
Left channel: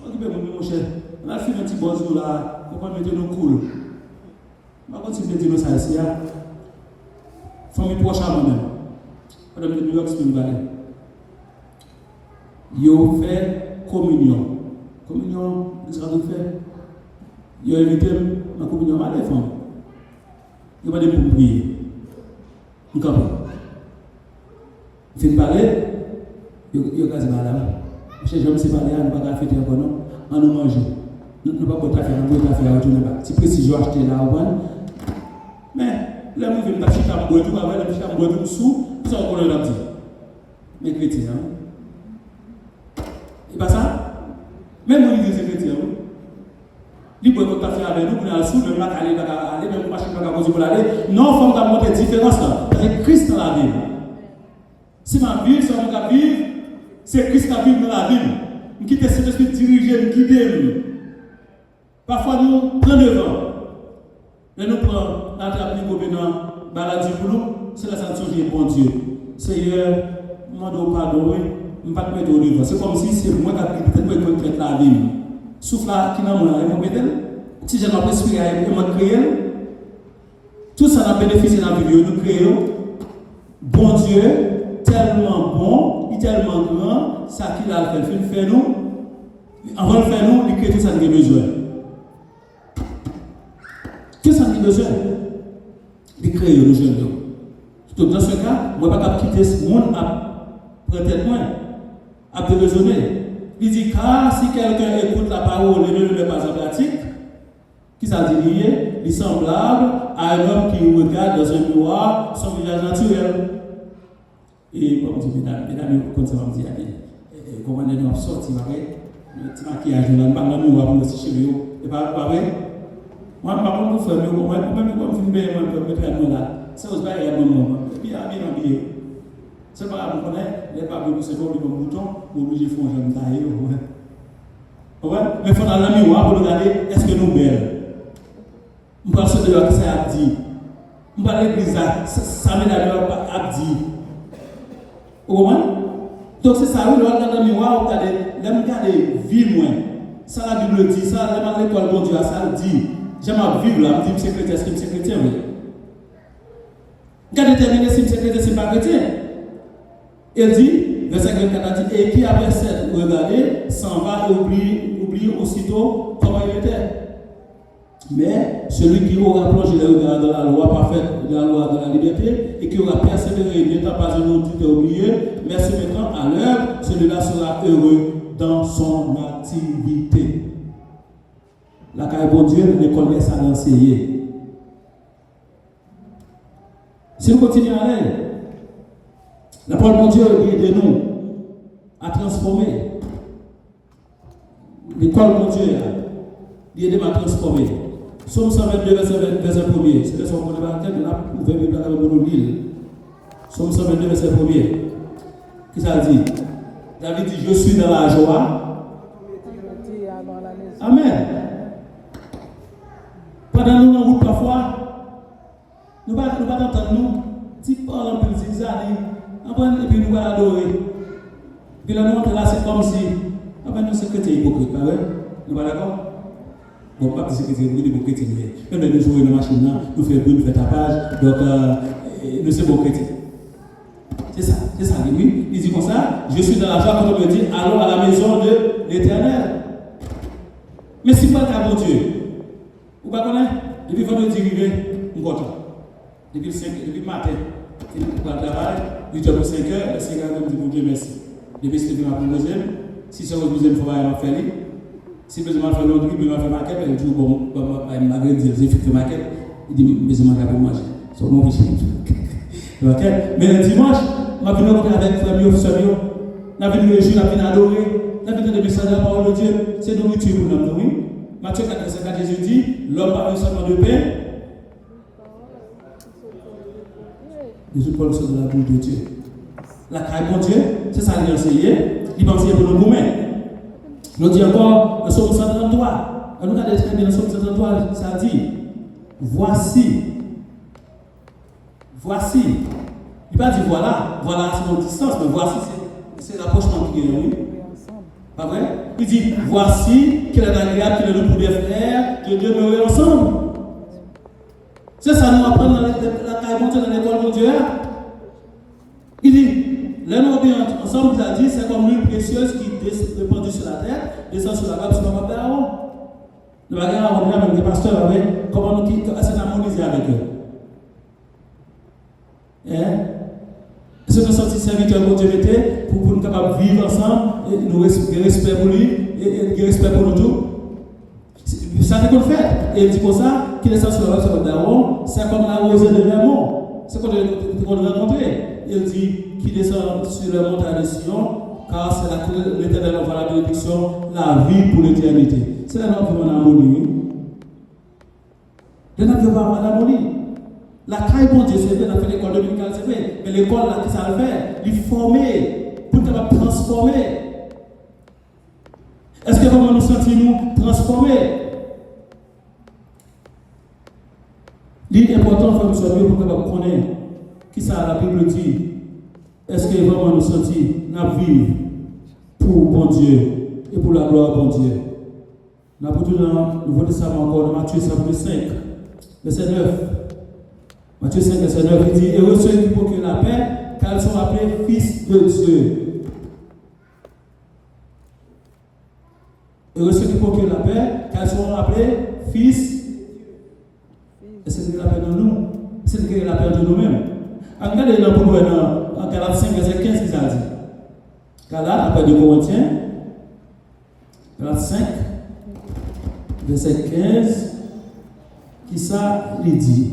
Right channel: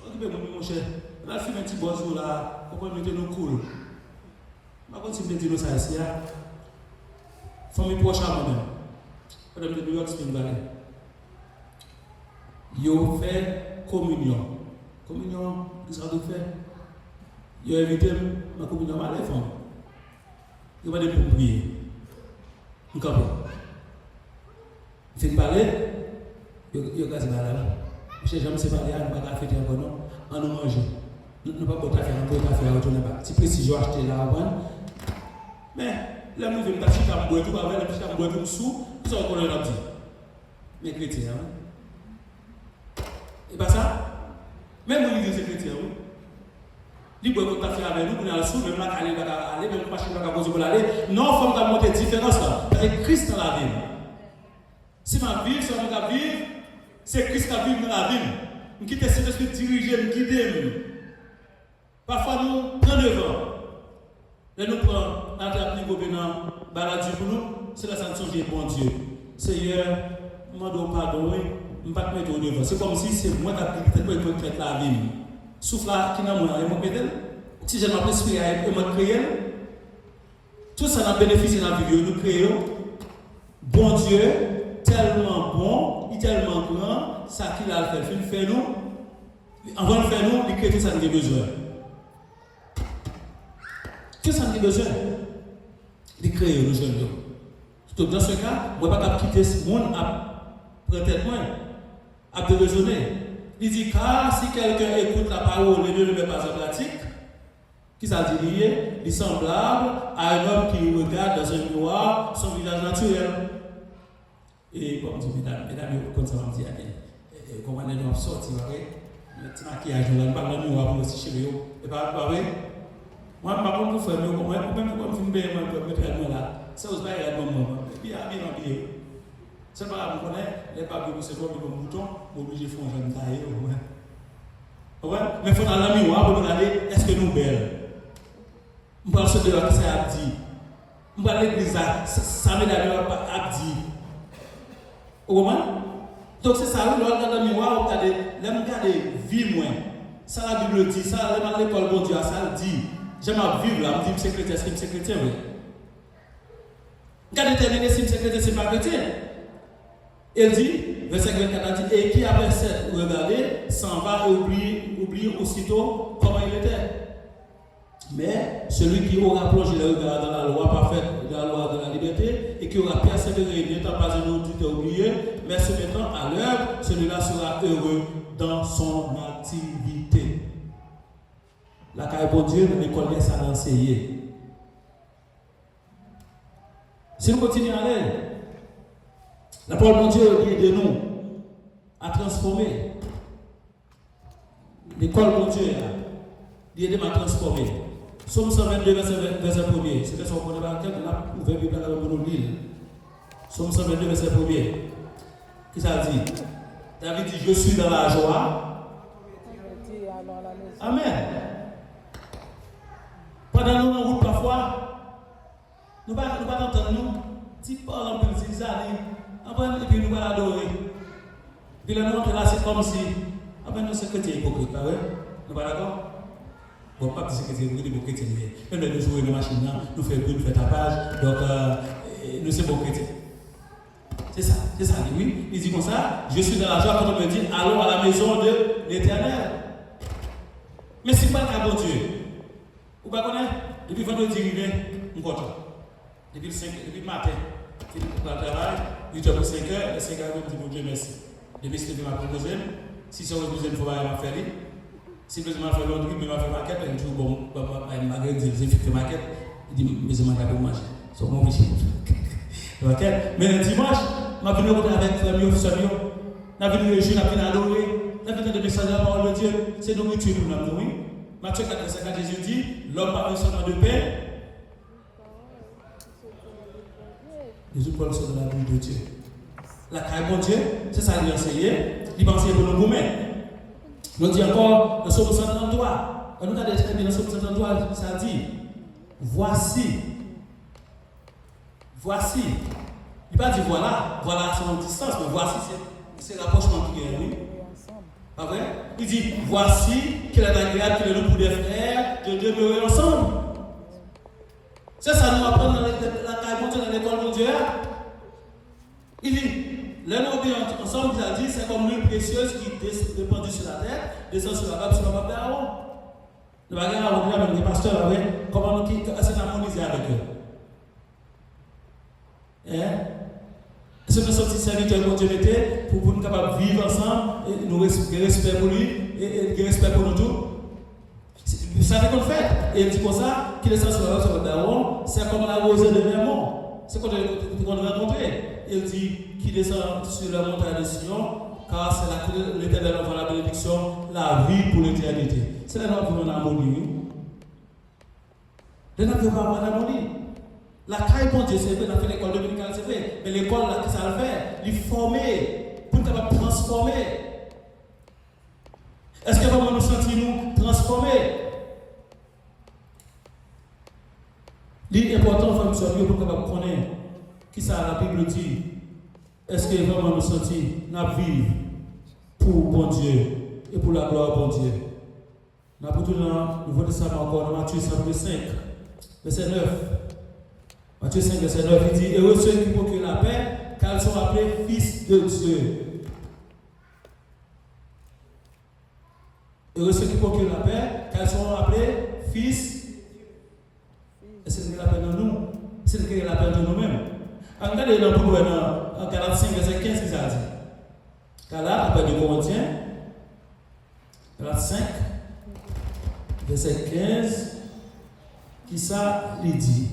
Occupez-vous, mon cher. On a fait un petit bois là, on va mettre nos cool. On va continuer de dire ça ici. Famille proche à moi-même. Madame de New York Spring Valley. Ils fait communion. Communion, qu'est-ce qu'on fait? Ils ont invité ma communion à la femme. Ils m'ont dit pour prier. Je suis fait parler, ils ont quasi madame. Je ne sais pas si parler, on ne va pas fêter encore, non? On nous mange. Nous ne pouvons pas faire, on ne peut pas faire, on ne peut pas. Si précision acheter là, mais là, nous venons d'acheter un bois, tout avec un bois tout sous, ça va qu'on le dit. Mais chrétien. Et pas ça? Même nous, les chrétiens, oui. Il peut pas faire avec nous, pour aller sous le lac, aller, même pas chercher la cause pour aller. Non, il faut monter différence là. Parce que Christ dans la vie. Si ma vie, si on va vivre, c'est Christ qui vit dans la vie. Nous quittons cet esprit dirigé, nous quittons. Parfois, nous prenons devant. Et nous prenons la table pour nous, c'est la sanction qui est bon Dieu. Seigneur, je demande pardon, je ne vais pas te mettre au devant. C'est comme si c'est moi qui vais la vie. Souffle qui n'a pas de si je n'ai pas esprit, je vais créer. Tout ça a bénéficié de la vie. Nous créons. Bon Dieu, tellement bon, il est tellement grand, ça qu'il a fait nous. Avant de faire nous, il crée tout ça qui a besoin. Tout ça qui a besoin. Il crée le jeune. Donc dans ce cas, je ne vais pas quitter ce monde à prendre moins, à te raisonner. Il dit car si quelqu'un écoute la parole et ne le met pas en pratique, qui ça dit lié, il est semblable à un homme qui regarde dans un miroir son visage naturel. Et comme dit mesdames, comme ça va me dire, comment on sorti, le petit maquillage, on a pas le miroir aussi chez lui. Et pas vrai? Moi, par contre, je fais moi, même quand je me mets là, c'est aussi pas un moment. Et puis, à bien habillé. C'est pas grave, les papes, c'est bon, ils ont un bouton, ou obligé de faire un jeune taille. Mais il faut dans le miroir pour regarder, est-ce que nous belles? On parle de ce que ça a dit. On parle de l'église, ça met d'ailleurs à dire. Vous comprenez? Donc c'est ça, vous regardez dans le miroir, vous regardez vie moins. Ça la Bible dit, ça, l'école, bon Dieu, ça le dit. J'aime à vivre là, je me dis, c'est chrétien, c'est chrétien, oui. Quand déterminer si c'est chrétien, c'est pas chrétien. Il dit, verset 24, et qui après cette regardé s'en va et oublie aussitôt comment il était. Mais celui qui aura plongé le regard dans la loi parfaite, dans la loi de la liberté, et qui aura persévéré, n'étant pas un autre oublié, mais se mettant à l'œuvre, celui-là sera heureux dans son activité. La carrière bon Dieu, l'école laisse à l'enseigner. Si nous continuons à aller, la parole de Dieu dit de nous à transformer. L'école de Dieu dit de nous à transformer. Somme 122, verset 1er. C'est le son qu'on a marqué, là, vous pouvez me parler pour nous lire. Somme 122, verset 1er. Qu'est-ce que ça dit? David dit, je suis dans la joie. Amen. Pendant nous, en route parfois, nous ne pouvons pas entendre nous, si parle un peu de années, et puis nous allons adorer. Puis là, nous, là, c'est comme si, nous sommes chrétiens hypocrites, nous ne sommes pas d'accord? Bon, pas que c'est chrétien, mais même nous jouons une machine, nous faisons bruit, nous faisons tapage, donc nous sommes beaux chrétiens. C'est ça, oui. Il dit comme ça, je suis dans la joie quand on me dit, allons à la maison de l'Éternel. Mais si vous êtes à bon Dieu, vous ne connaissez pas, depuis vendredi, on va depuis le matin, il est pour le travail, 8h pour 5h, et 5h, je dis bon Dieu merci. Depuis ce que je m'ai proposé, si c'est le deuxième fois, il m'a fait. Si je m'ai fait l'autre, il m'a fait maquette, il dit bon, il m'a dit, j'ai fait maquette, il dit, mais je m'en vais pour manger. C'est mon péché. Mais le dimanche, je suis venu avec famille, famille, je suis venu réjouir, je suis venu adorer, je suis venu de messager la parole de Dieu, c'est nourriture pour nous, oui. Matthieu 4, Jésus dit, l'homme parle seulement de pain. Jésus parle seulement de la bouche de Dieu. La carrière de Dieu, c'est ça qu'il a enseigné, il va enseigner pour nous nous-mêmes. Nous dit encore, le psaume 133, on a déjà le psaume 133, ça dit, voici. Il n'a pas dit voilà c'est notre distance, mais voici, c'est l'approchement qui est oui. Pas vrai? Il dit, voici qu'il est agréable, qu'il est le pour des frères, de demeurer ensemble. C'est ça, nous apprenons dans la carrière dans l'école de Dieu. Il dit, là nous obéissons ensemble, il a dit, c'est comme l'huile précieuse qui est répandue sur la terre, descend sur la vague, sur la vague d'Aaron. Nous allons revenir avec les pasteurs, avec comment nous quittons, harmoniser avec eux. C'est nous sortir serviteur pour Dieu pour nous capables de vivre ensemble, et nous respect pour lui, et respect pour nous tous. C'est ça qu'on fait. Et il dit pour ça, qu'il est sur la vague sur la d'Aaron, c'est comme la rosée de Vermont. C'est qu'on doit rencontrer. Il dit, qui descend sur le montagne de Sion, car c'est là que l'Éternel envoie la bénédiction, la vie pour l'éternité. C'est là que nous avons en harmonie. Nous n'avons pas en harmonie. La caille pour Dieu, c'est vrai, on a fait l'école dominicale, c'est vrai. Mais l'école, là, qui ça le fait, il former, pour nous transformer. Est-ce que vraiment nous sentons-nous transformer? Il est important, frère, pour que nous connaissions qui ça la Bible dit. Est-ce que vraiment nous sentons nous vivre pour bon Dieu et pour la gloire de bon Dieu? Nous avons tout dans le Nouveau Testament encore, dans Matthieu 5, verset 9. Matthieu 5, verset 9, il dit: heureux ceux qui procurent la paix, car ils sont appelés fils de Dieu. Heureux ceux qui procurent la paix, car ils sont appelés fils. Et c'est ce qu'il appelle de nous. C'est ce qu'il appelle de nous-mêmes. Regardez dans Galates 5, verset 15, qui ça dit. Galates, après 2 Corinthiens, Galates 5, verset 15, qui ça lui dit.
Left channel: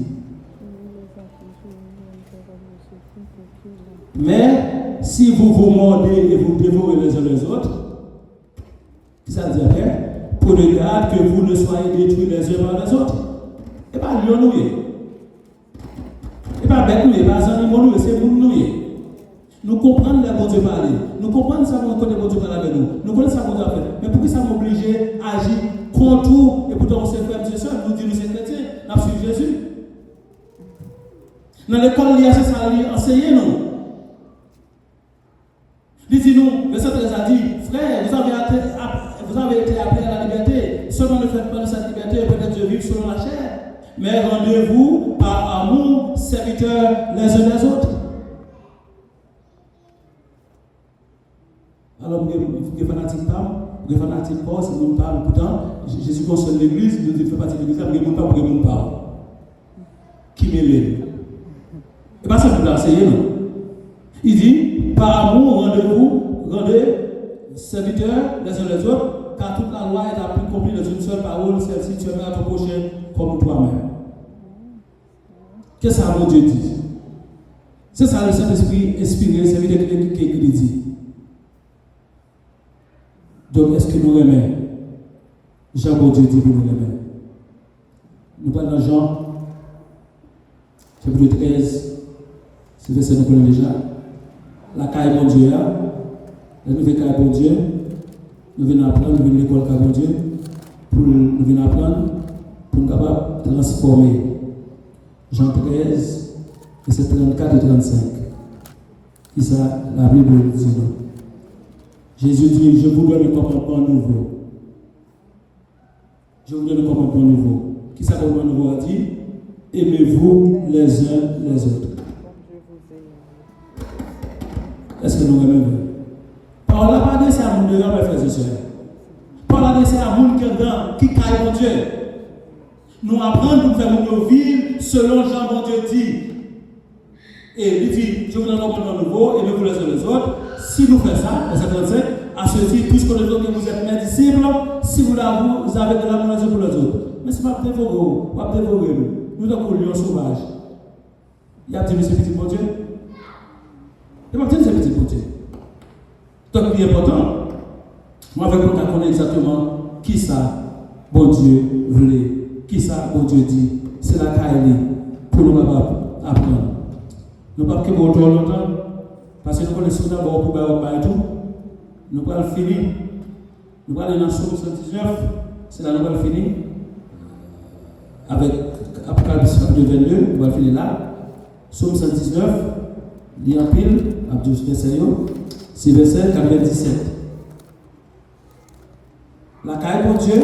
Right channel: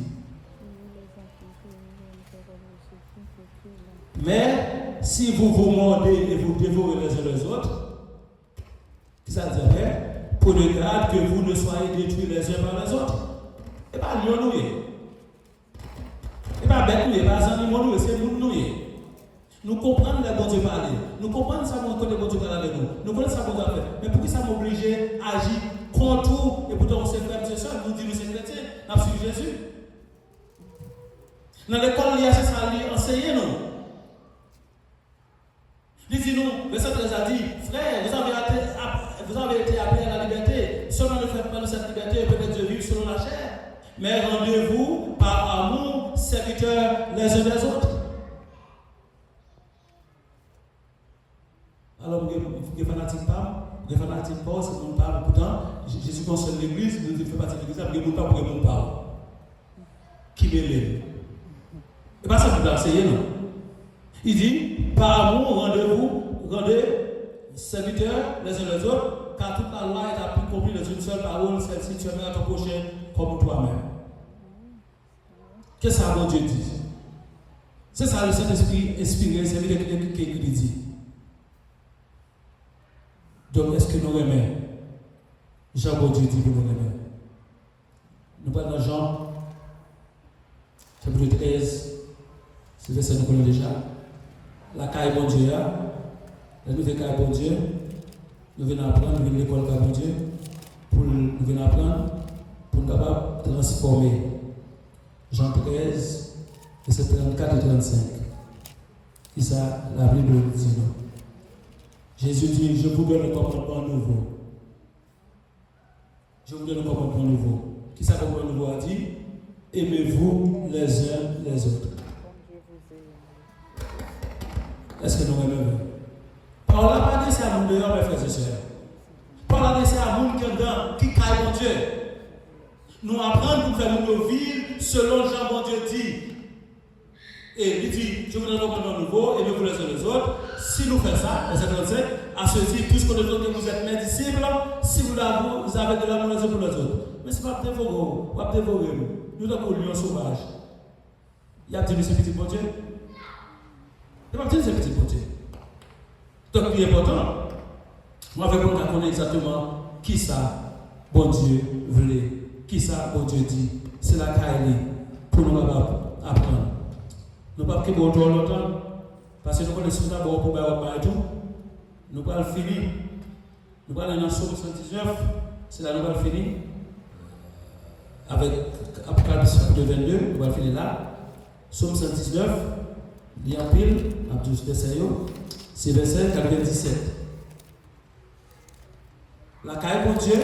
Mais si vous vous mordez et vous dévorez les uns les autres, qui ça dit après? Prenez garde que vous ne soyez détruits les uns par les autres. Et pas lion nous. Et pas bête nous, et pas animaux nous, c'est nous nous. Nous comprenons les bon Dieu parler. Nous comprenons ça qu'on connaît bon Dieu parler avec nous. Nous connaissons ça qu'on doit faire. Mais pourquoi ça m'oblige à agir contre tout et pourtant on s'est frère, c'est ça, nous disons nous c'est chrétien, nous suivons Jésus. Dans l'école, il y a ça, ça enseigner nous. Il dit nous, le Seigneur a dit, frère, vous avez été appelés à la liberté. Seulement ne faites pas de cette liberté, peut-être de vivre selon la chair. Mais rendez-vous par amour, serviteurs les uns les autres. Alors, les fanatiques parlent, les fanatiques parlent, c'est mon parle. Pourtant, Jésus concerne l'église, il dit, fait partie de l'église, mais il ne parle pas pour mon parle. Qui m'élève? Et pas ça pour l'enseigner, non. Il dit, par amour, rendez serviteurs les uns les autres, car toute la loi est accomplie dans une seule parole, celle-ci tu aimeras ton prochain comme toi-même. Qu'est-ce que ça veut Dieu dit? C'est ça le Saint-Esprit inspiré, c'est lui qui dit. Donc, est-ce que nous aimons Jean bon Dieu dit pour nous aimer? Nous parlons dans Jean, chapitre 13, c'est le verset que nous connaissons déjà. La caille bon Dieu, la nouvelle caille bon Dieu, nous venons apprendre, nous venons à l'école caille bon Dieu, pour nous venons apprendre, pour nous capables de transformer. Jean 13, verset 34 et 35. C'est ça, la Bible dit non. Jésus dit, je vous donne un commandement nouveau. Je vous donne un commandement nouveau. Qui ça commandement nouveau a dit? Aimez-vous les uns les autres. Est-ce que nous aimons? Par la pas de ça, nous devons faire frères et sœurs. Par la de ça, nous qui caille mon Dieu. Nous apprenons pour faire nous vivre selon Jean mon Dieu dit. Et il dit, je vous donne un commandement nouveau, aimez-vous les uns les autres. Si nous faisons ça, verset 35, à ceci, puisque nous que vous êtes mes disciples, si vous avez de l'amour les uns pour les autres. Mais ce n'est pas dévorer nous. Nous sommes lions sauvages. Il y a dit, ce petit bon Dieu. Il n'y a pas dit, ce petit bon Dieu. Donc, il est important. Moi, avec moi, je connais exactement qui ça, bon Dieu, voulait. Qui ça, bon Dieu dit. C'est la caille pour nous apprendre. Nous ne pouvons pas que longtemps. Parce que nous connaissons d'abord pour faire tout. Nous allons finir. Nous allons aller dans Somme 119. C'est là que nous allons finir. Avec Apocalypse 22, nous allons finir là. Somme 119. Lire en pile. C'est verset 97. La caille pour Dieu.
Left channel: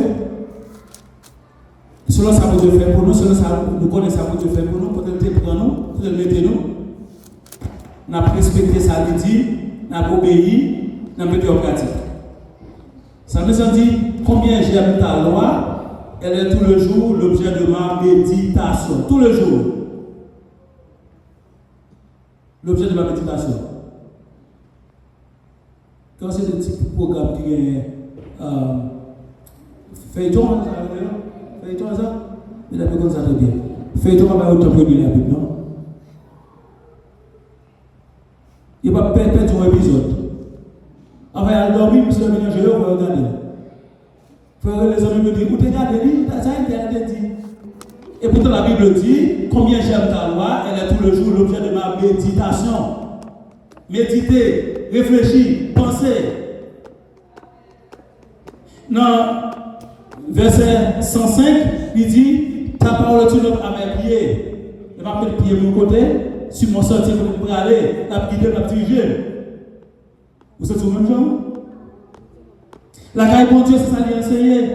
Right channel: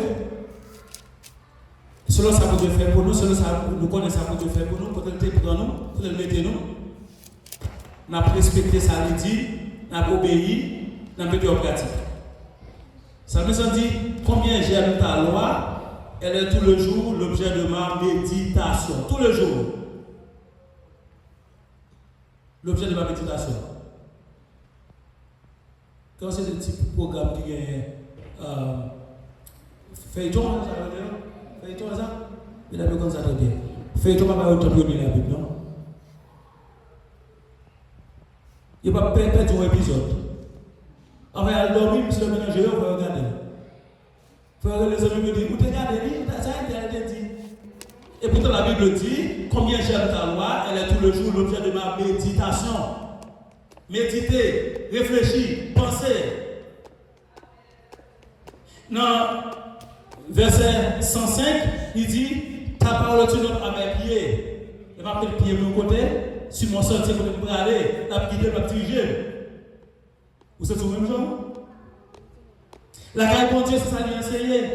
Selon ça que Dieu fait pour nous, selon ça nous connaissons ça que Dieu fait pour nous, pour le pour nous, pour le mettre nous. Nous avons respecté ça, nous avons obéi, nous avons mis en pratique. Ça veut dire combien j'aime ta loi, elle est tout le jour l'objet de ma méditation. Tout le jour. L'objet de ma méditation. Quand c'est des petits programmes qui est feuilleton, feuilleton, ça? Il a fait comme ça très bien. Feuilleton, on va autant produire la Bible, non? Il va perdre un épisode. On va dormir, puis on va regarder. Frère, les amis me disent, vous regardez, ça a été dit. Et pourtant la Bible dit, combien j'aime ta loi, elle est tout le jour l'objet de ma méditation. Méditer, réfléchir, penser. Dans verset 105, il dit, ta parole tu donnes à mes pieds. Et ma le pied de mon côté, sur mon sentier pour me aller, la guider, la diriger. Vous êtes au même genre? La caille de Dieu, c'est ça qui est enseigné.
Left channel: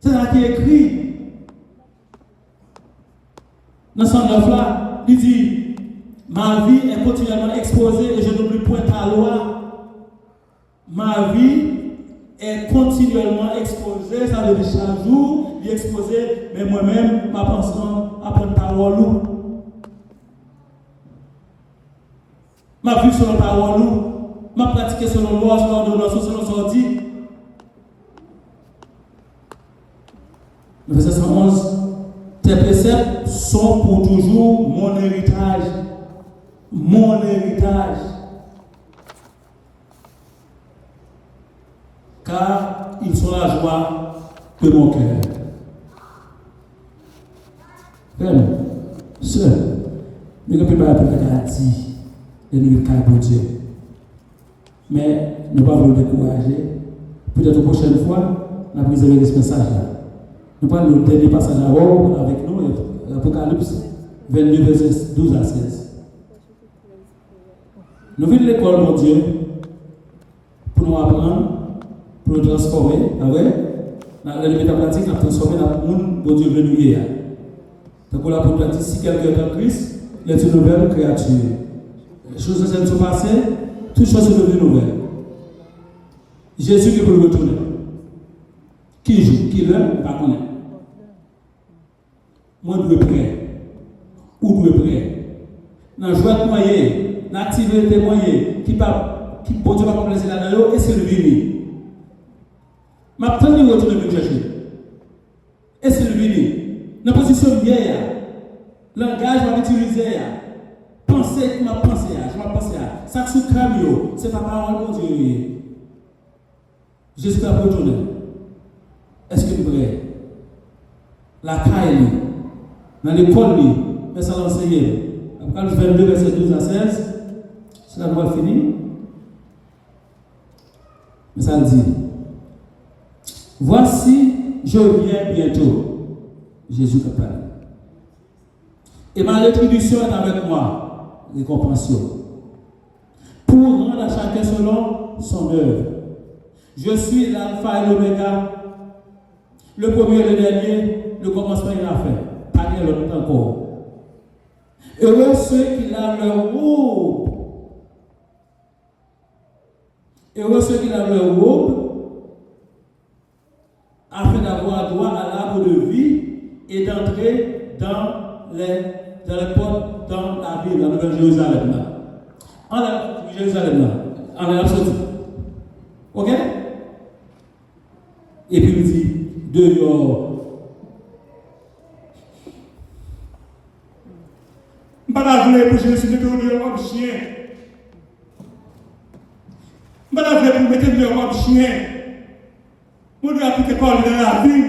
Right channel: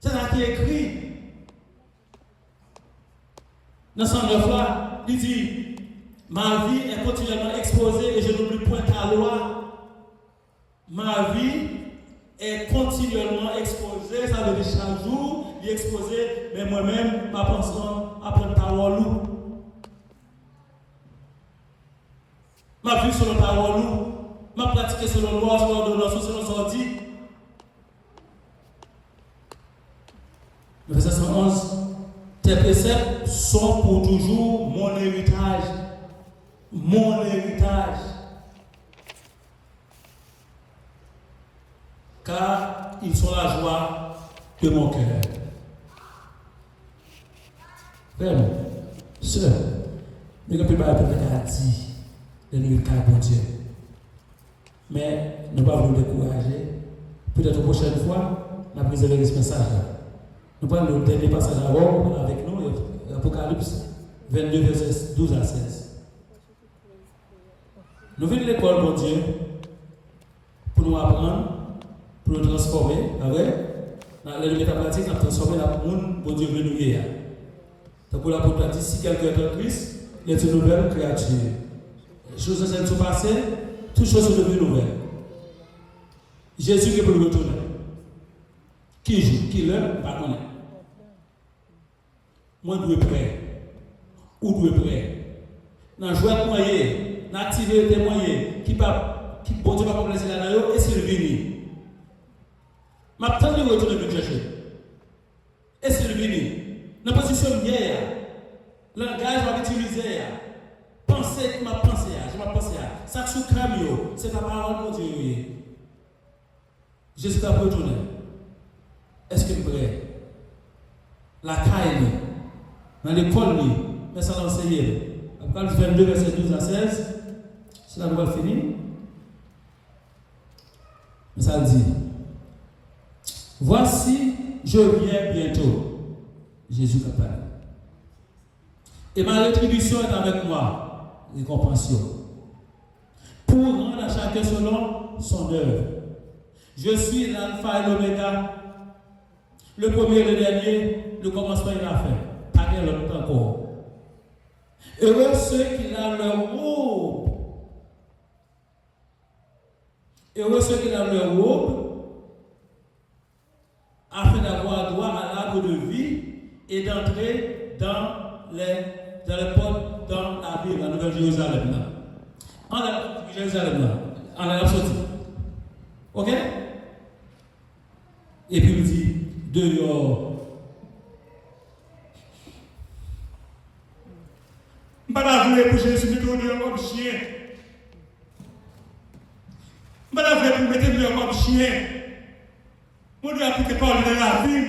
C'est ça qui est écrit. Dans son œuvre-là, il dit, ma vie est continuellement exposée et je n'oublie point ta loi. Ma vie est continuellement exposée, ça veut dire chaque jour, il est exposé, mais moi-même, ma pensée à prendre parole. Ma vie selon parole, ma pratique selon loi, selon l'ordonnance, selon sortie. Verset 111. Tes préceptes sont pour toujours mon héritage. Mon héritage. Car ils sont la joie de mon cœur. Frère, sœur, nous ne pouvons pas appeler la garantie de nous faire pour Dieu. Mais nous ne pouvons pas nous décourager. Peut-être la prochaine fois, nous allons vous ce message-là. Nous parlons du dernier passage avec nous, l'Apocalypse 22, verset 12 à 16. Nous venons de l'école, mon Dieu, pour nous apprendre, pour nous transformer, avec la limite pratique, nous transformer dans le monde, mon Dieu, venu hier. Donc, on a pour dire, si quelqu'un est en Christ, il est une nouvelle créature. Les choses se sont passées, toutes choses sont devenues nouvelles. Jésus qui peut retourner. Qui joue, qui l'aime, pas connaître. Moi, je suis prêt. Ou je suis prêt. Dans le joie de moyen, dans l'activité moyen, qui bon Dieu va complacer là-dedans, est-ce que le vini? Ma tante est retourner me chercher. Est-ce que le vini? Dans la position hier, langage va utiliser. Penser comme ma pensée, je vais penser. Ça que sous crâne, c'est ta parole de Dieu. Jésus t'a retourné. Est-ce que vous voulez? La caille, dans l'école, mais ça l'enseigner. Apocalypse 22, verset 12 à 16, c'est la voie finie. Mais ça dit, voici, je viens bientôt. Jésus a parlé. Et ma rétribution est avec moi, récompense. Pour rendre à chacun selon son œuvre. Je suis l'alpha et l'oméga. Le premier et le dernier, le commencement et la fin. Pas de l'autre encore. Heureux ceux qui lavent leur robe. Heureux ceux qui lavent leur robe afin d'avoir droit à l'arbre de vie et d'entrer dans les portes, dans la ville, la nouvelle Jérusalem. En la Jérusalem, en la sortie. Ok? Et puis il dit, dehors. Madame voulait pour Jésus mettre dehors comme chien. Madame voulait pour mettre dehors comme chien. Mon Dieu a appliqué par dans la vie.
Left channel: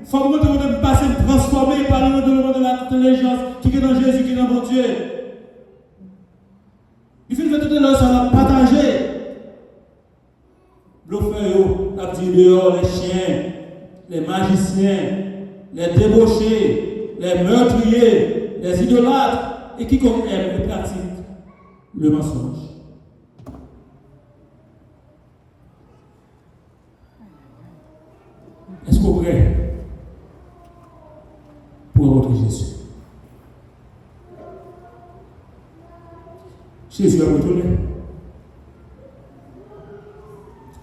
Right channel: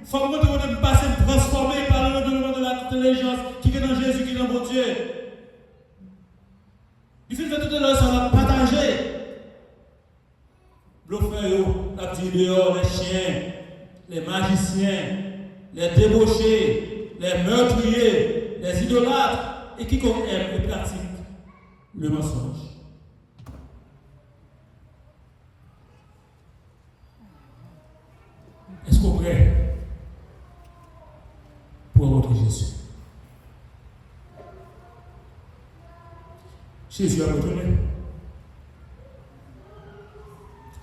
Il faut que nous passer transformer par le nom de l'intelligence qui est dans Jésus, qui est dans mon Dieu. Il faut que nous nous partager. L'offre a dit dehors les chiens, les magiciens, les débauchés, les meurtriers, les idolâtres, et quiconque aime et pratique le mensonge. Est-ce que vous êtes prêts pour votre Jésus? Jésus a retourné.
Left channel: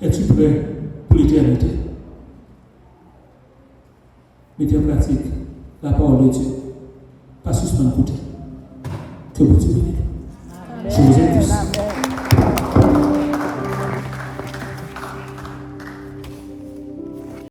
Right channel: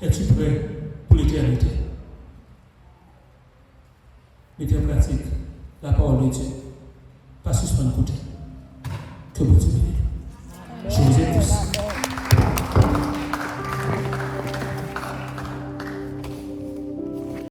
Es-tu prêt pour l'éternité? Mettez en pratique la parole de Dieu. Pas suspendre côté. Que vous Dieu bénisse.